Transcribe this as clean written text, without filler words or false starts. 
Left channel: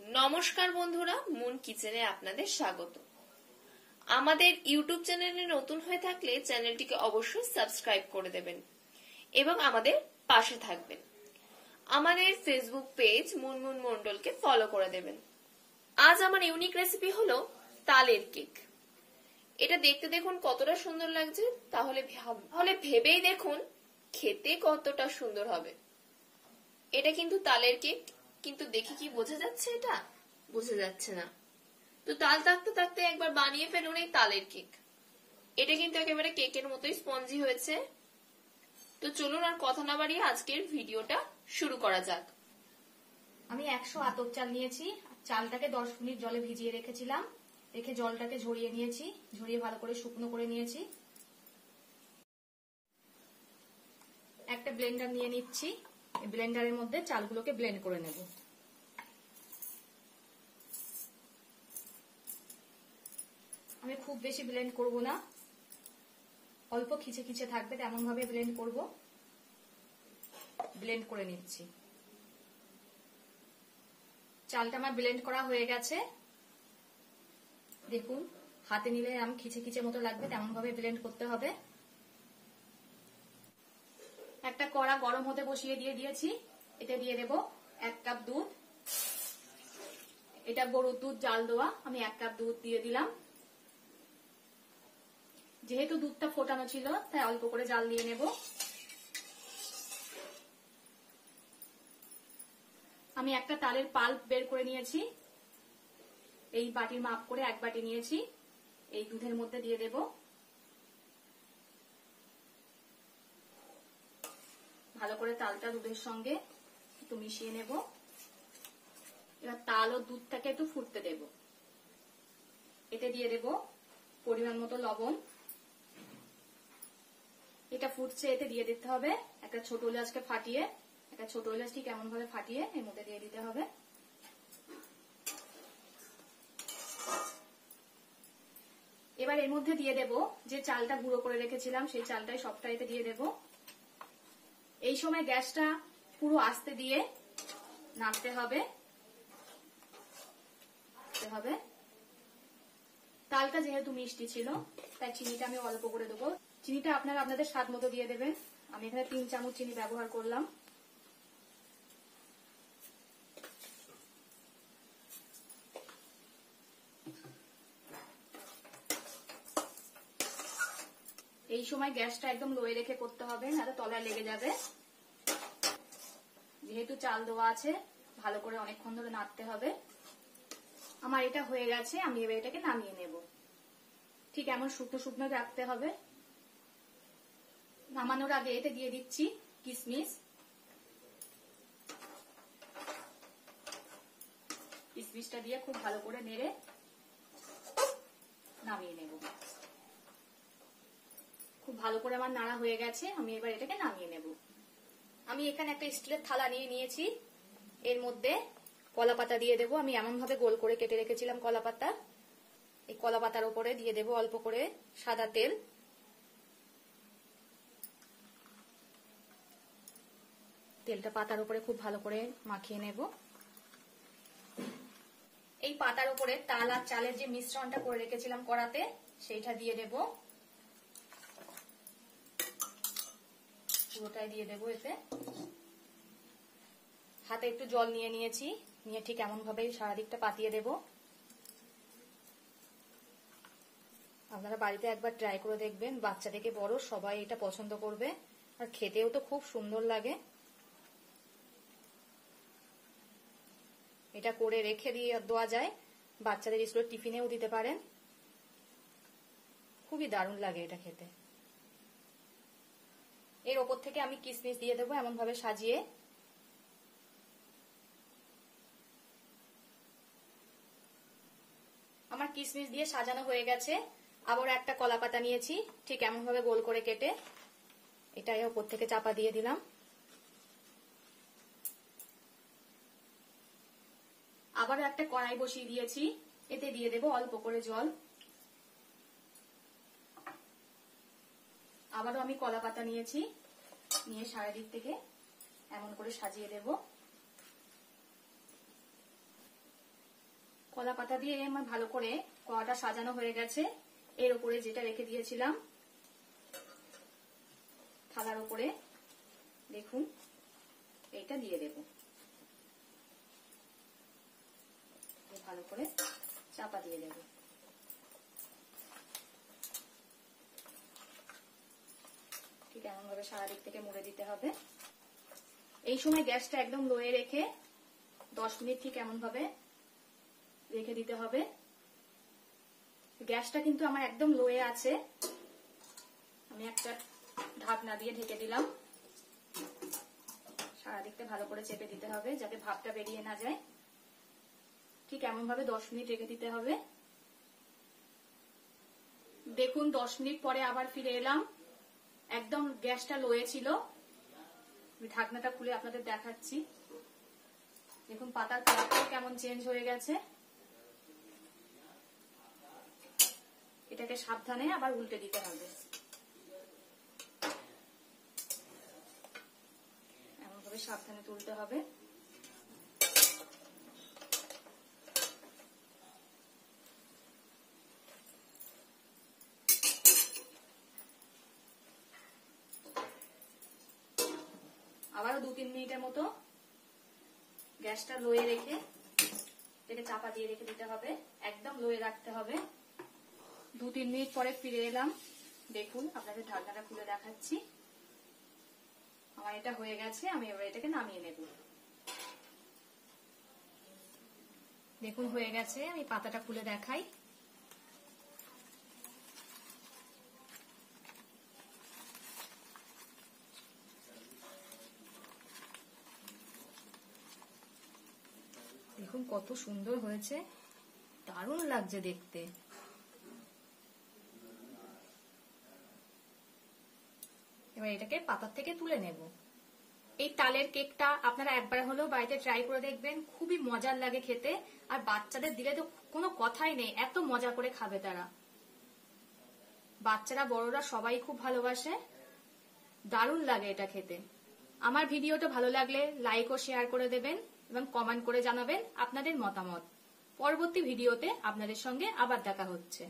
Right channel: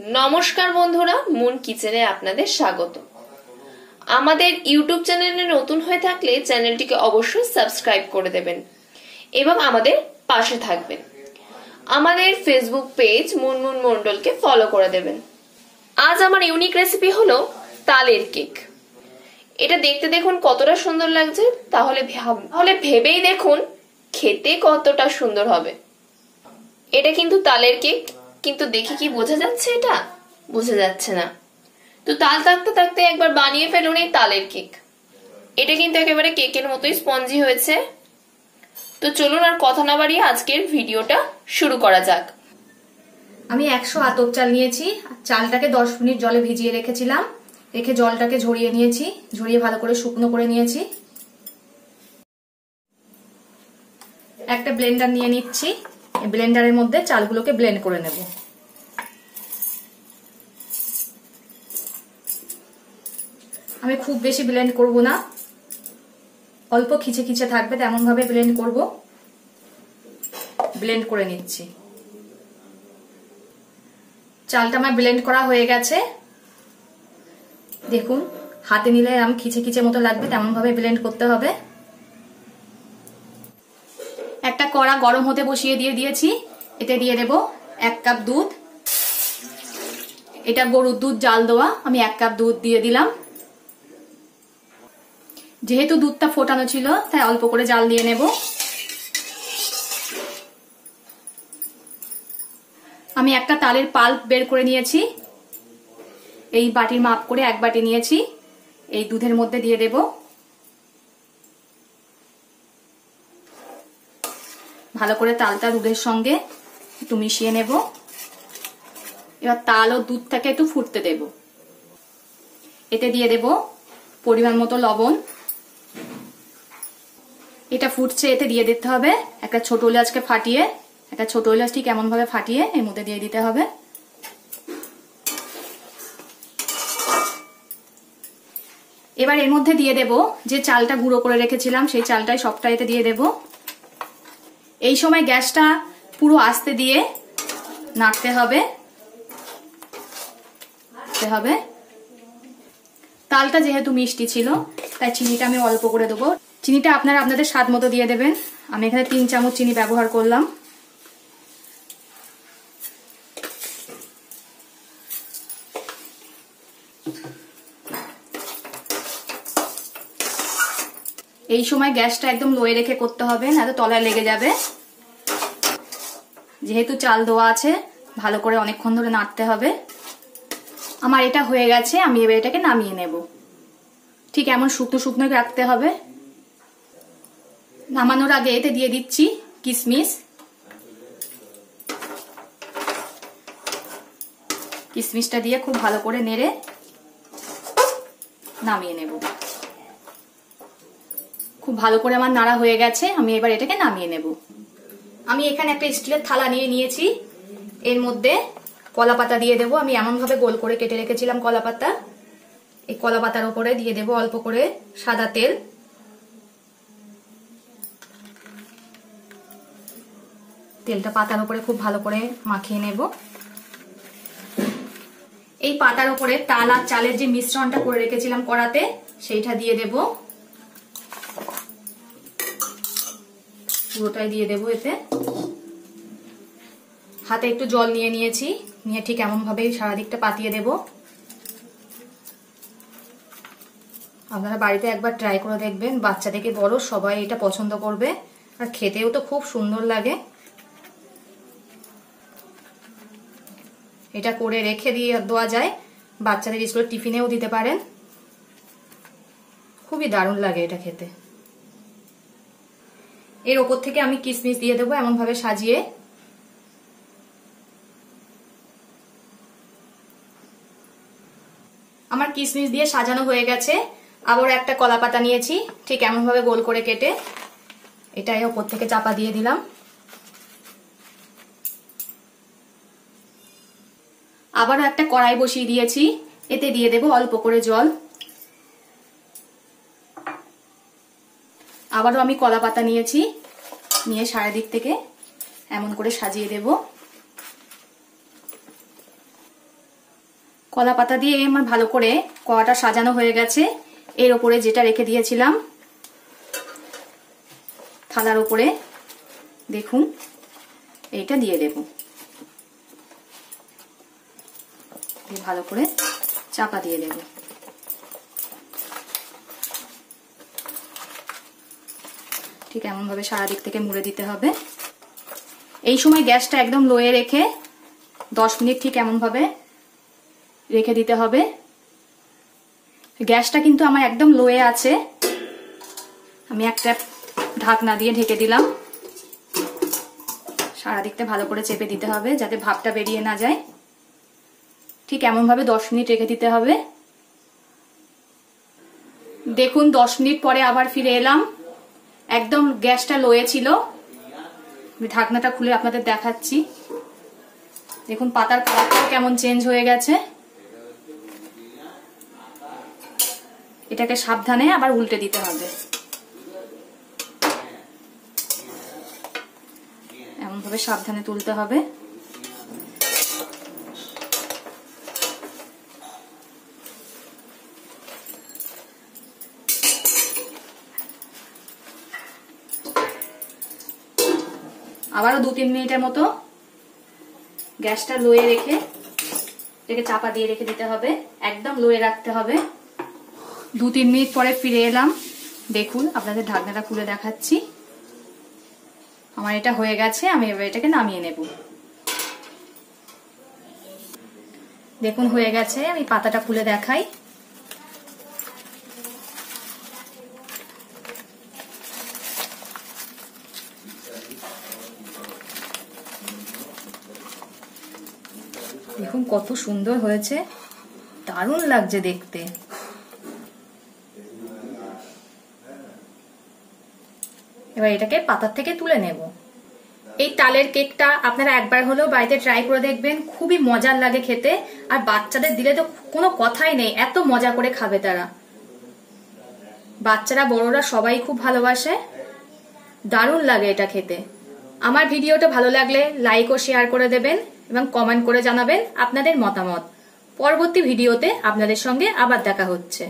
নমস্কার বন্ধুরা, মুন কিচেনে আপনাদের স্বাগত। আমাদের ইউটিউব চ্যানেলে নতুন হয়ে থাকলে চ্যানেলটিকে অবশ্যই সাবস্ক্রাইব করে দেবেন এবং আমাদের পাশে থাকবেন। আমাদের ফেসবুক পেজ মুনমুন মণ্ডলকে ফলো করে দেবেন। আজ আমার ইউনিক রেসিপি হলো তালের কেক। এটা দেখতে দেখুন কতটা সুন্দর লাগছে, তাহলে ভেবেই দেখুন খেতে কতটা সুন্দর হবে। এটা কিন্তু তালের কেক, কিন্তু দেখে কি বোঝা যাচ্ছে? এটা বোঝা যাচ্ছে না। তো তাল থাকতে থাকতে একবার বানিয়ে ফেলুন এই তালের কেক। এটা কিন্তু একেবারে কেকের মতোই স্পঞ্জি হয়েছে। তো চলুন আর কথা না বাড়িয়ে আজকের ভিডিওটা শুরু করা যাক। আমি 100 আতপ চাল নিয়েছি। চালটাকে 10 মিনিট জলে ভিজিয়ে রেখেছিলাম। রেখে জলটাকে ঝরিয়ে নিয়েছি, ঝরিয়ে ভালো করে শুকনো করে নিয়েছি। একটা ব্লেন্ডার নিয়ে নিচ্ছি। এই ব্লেন্ডারের মধ্যে চালগুলোকে ব্লেন্ড করে নেব। আমি খুব বেশি ব্লেন্ড করব না, অল্প খিচে খিচে থাকবে তেমন ভাবে ব্লেন্ড করব। ব্লেন্ড করে নিচ্ছি। চালটা আমার ব্লেন্ড করা হয়ে গেছে। দেখুন হাতে নিলে আমি খিচে খিচে মতো লাগবে তেমন ভাবে ব্লেন্ড করতে হবে। একটা কড়া গরম হতে বসিয়ে দিয়েছি। এতে দিয়ে দেব 1 কাপ দুধ। এটা গরুর দুধ জাল দেওয়া, আমি 1 কাপ দুধ দিয়ে দিলাম। যেহেতু দুধটা ফোটানো ছিল তাই অল্প করে জাল দিয়ে নেব। আমি একটা তালের পাল্প বের করে নিয়েছি। এই বাটির মাপ করে 1 বাটি নিয়েছি। এই দুধের মধ্যে দিয়ে দেব। ভালো করে তালটা দুধের সঙ্গে একটু মিশিয়ে নেব। এবার তাল ও দুধটাকে একটু ফুটতে দেব। এতে দিয়ে দেব পরিমাণ মতো লবণ। এটা ফুটছে, এতে দিয়ে দিতে হবে একটা ছোট এলাচকে ফাটিয়ে, একটা ছোট এলাচ ঠিক এমন ভাবে ফাটিয়ে এর মধ্যে দিয়ে দিতে হবে। এবার এর মধ্যে দিয়ে দেব যে চালটা গুঁড়ো করে রেখেছিলাম, সেই চালটাই সবটা এতে দিয়ে দেব। এই সময় গ্যাসটা পুরো আস্তে দিয়ে নাড়তে হবে। তালটা যেহেতু মিষ্টি ছিল তাই চিনিটা আমি অল্প করে দেবো। চিনিটা আপনারা আপনাদের স্বাদ মতো দিয়ে দেবেন। আমি এখানে 3 চামচ চিনি ব্যবহার করলাম। এই সময় গ্যাসটা একদম লোয়ে রেখে করতে হবে, নাহলে তলায় লেগে যাবে। যেহেতু চাল দেওয়া আছে ভালো করে অনেকক্ষণ ধরে নাড়তে হবে। আমার এটা হয়ে গেছে, আমি এবার এটাকে নামিয়ে নেব। ঠিক এমন শুকনো শুকনো রাখতে হবে। নামানোর আগে এতে দিয়ে দিচ্ছি কিশমিশ। কিশমিশটা দিয়ে খুব ভালো করে নেড়ে নামিয়ে নেব। খুব ভালো করে আমার নাড়া হয়ে গেছে, আমি এবার এটাকে নামিয়ে নেব। আমি এখানে একটা স্টিলের থালা নিয়ে নিয়েছি। এর মধ্যে কলা পাতা দিয়ে দেবো। আমি এমন ভাবে গোল করে কেটে রেখেছিলাম কলা পাতা। এই কলা পাতার উপরে দিয়ে দেবো অল্প করে সাদা তেল। তেলটা পাতার উপরে খুব ভালো করে মাখিয়ে নেব। এই পাতার উপরে তাল আর চালের যে মিশ্রণটা করে রেখেছিলাম কড়াতে, সেইটা দিয়ে দেব। পুরোটাই দিয়ে দেবো এতে। হাতে একটু জল নিয়ে নিয়েছি, নিয়ে ঠিক এমন ভাবে সারা দিকটা পাতিয়ে দেব। আপনারা বাড়িতে একবার ট্রাই করে দেখবেন, বাচ্চা থেকে বড় সবাই এটা পছন্দ করবে, আর খেতেও তো খুব সুন্দর লাগে। এটা করে রেখে দিয়ে দেওয়া যায়, বাচ্চাদের স্কুলের টিফিনেও দিতে পারেন। খুবই দারুণ লাগে এটা খেতে। এর ওপর থেকে আমি কিশমিশ দিয়ে দেবো এমন ভাবে সাজিয়ে। আমার কিশমিশ দিয়ে সাজানো হয়ে গেছে। আবার একটা কলা পাতা নিয়েছি, ঠিক এমন ভাবে গোল করে কেটে এটাই ওপর থেকে চাপা দিয়ে দিলাম। আবারও একটা কড়াই বসিয়ে দিয়েছি, এতে দিয়ে দেব অল্প করে জল। আবারও আমি কলা পাতা নিয়েছি, নিয়ে সারাদিক থেকে এমন করে সাজিয়ে দেব। কলা পাতা দিয়ে আমার ভালো করে কড়াটা সাজানো হয়ে গেছে। এর ওপরে যেটা রেখে দিয়েছিলাম থালার উপরে দেখুন এইটা দিয়ে দেব, ভালো করে চাপা দিয়ে দেব। ঠিক এমন ভাবে সারা দিক থেকে মুড়ে দিতে হবে। এই সময় গ্যাসটা একদম লোয়ে রেখে 10 মিনিট ঠিক এমন ভাবে রেখে দিতে হবে। গ্যাসটা কিন্তু আমার একদম লোয়ে আছে। আমি একটা ঢাকনা দিয়ে ঢেকে দিলাম। সারা দিকটা ভালো করে চেপে দিতে হবে যাতে ভাপটা বেরিয়ে না যায়। ঠিক এমন ভাবে 10 মিনিট রেখে দিতে হবে। দেখুন 10 মিনিট পরে আবার ফিরে এলাম। একদম গ্যাসটা লোয়ে ছিল। আমি ঢাকনাটা খুলে আপনাদের দেখাচ্ছি। দেখুন পাতার কালারটাও কেমন চেঞ্জ হয়ে গেছে। এটাকে সাবধানে আবার উল্টে দিতে হবে। এমন ভাবে সাবধানে তুলতে হবে। আবারও 2-3 মিনিটের মতো গ্যাসটা লোয়ে রেখে এটাকে চাপা দিয়ে রেখে দিতে হবে। একদম লোয়ে রাখতে হবে। 2-3 মিনিট পরে ফিরে এলাম। দেখুন আপনাদের ঢাকনাটা খুলে দেখাচ্ছি। আমার এটা হয়ে গেছে। আমি এবার এটাকে নামিয়ে নেব। দেখুন হয়ে গেছে। আমি পাতাটা খুলে দেখাই। দেখুন কত সুন্দর হয়েছে, দারুণ লাগছে দেখতে। এবার এটাকে পাতার থেকে তুলে নেব। এই তালের কেকটা আপনারা একবার হলেও বাড়িতে ট্রাই করে দেখবেন। খুবই মজার লাগে খেতে। আর বাচ্চাদের দিলে তো কোনো কথাই নেই, এত মজা করে খাবে তারা। বাচ্চারা বড়রা সবাই খুব ভালোবাসে। দারুণ লাগে এটা খেতে। আমার ভিডিওটা ভালো লাগলে লাইক ও শেয়ার করে দেবেন এবং কমেন্ট করে জানাবেন আপনাদের মতামত। পরবর্তী ভিডিওতে আপনাদের সঙ্গে আবার দেখা হচ্ছে।